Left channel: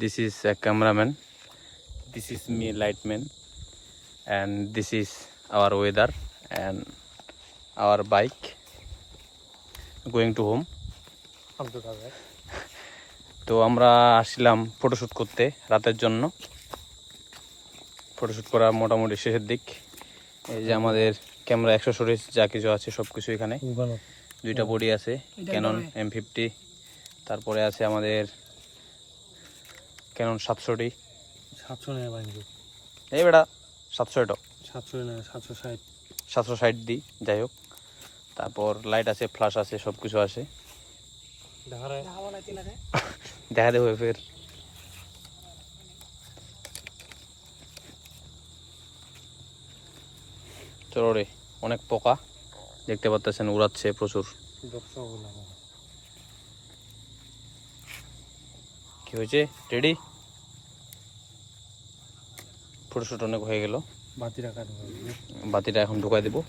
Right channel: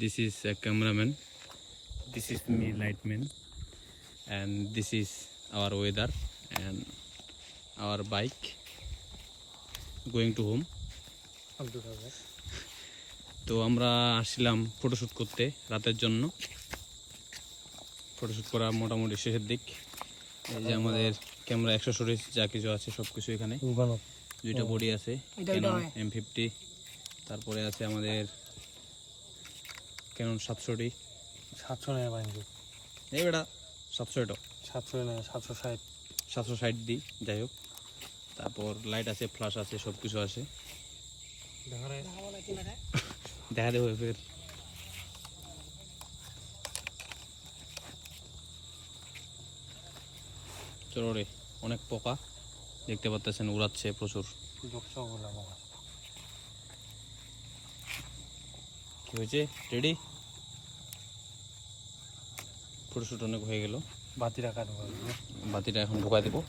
This is a cameraman. This is me, lightman, and this is our weather and our bike going to home. তো আমরা আসছিলাম photoshoot করতে রাতের জন্য। Photoshoot করা মোটামুটি শেষের দিক। এই যে আমাদের ক্যামেরা অ্যাক্সেসরিজ যা কিছু আছে সব কিছু এখানে। দুইটা বডি আছে, ক্যানন M50, তারপরে আছে আমাদের ক্যানন 700D। 700 নেই ভাই, এই বেটা 700 এটা 700 নেই, 760 760D যাই হোক। তারপর লাইট আছে, ফ্ল্যাশ আছে, সব কিছু আছে। দেখা দেবো ফের। চলো রে, অনেক পোকা দেখতে পাচ্ছেন, উড়াচ্ছে প্রচুর। কি হয়েছে? রেডি? ফটোশুট অনেক হয়ে গেল। বাতিটা এখন ঢুকাই দেবো।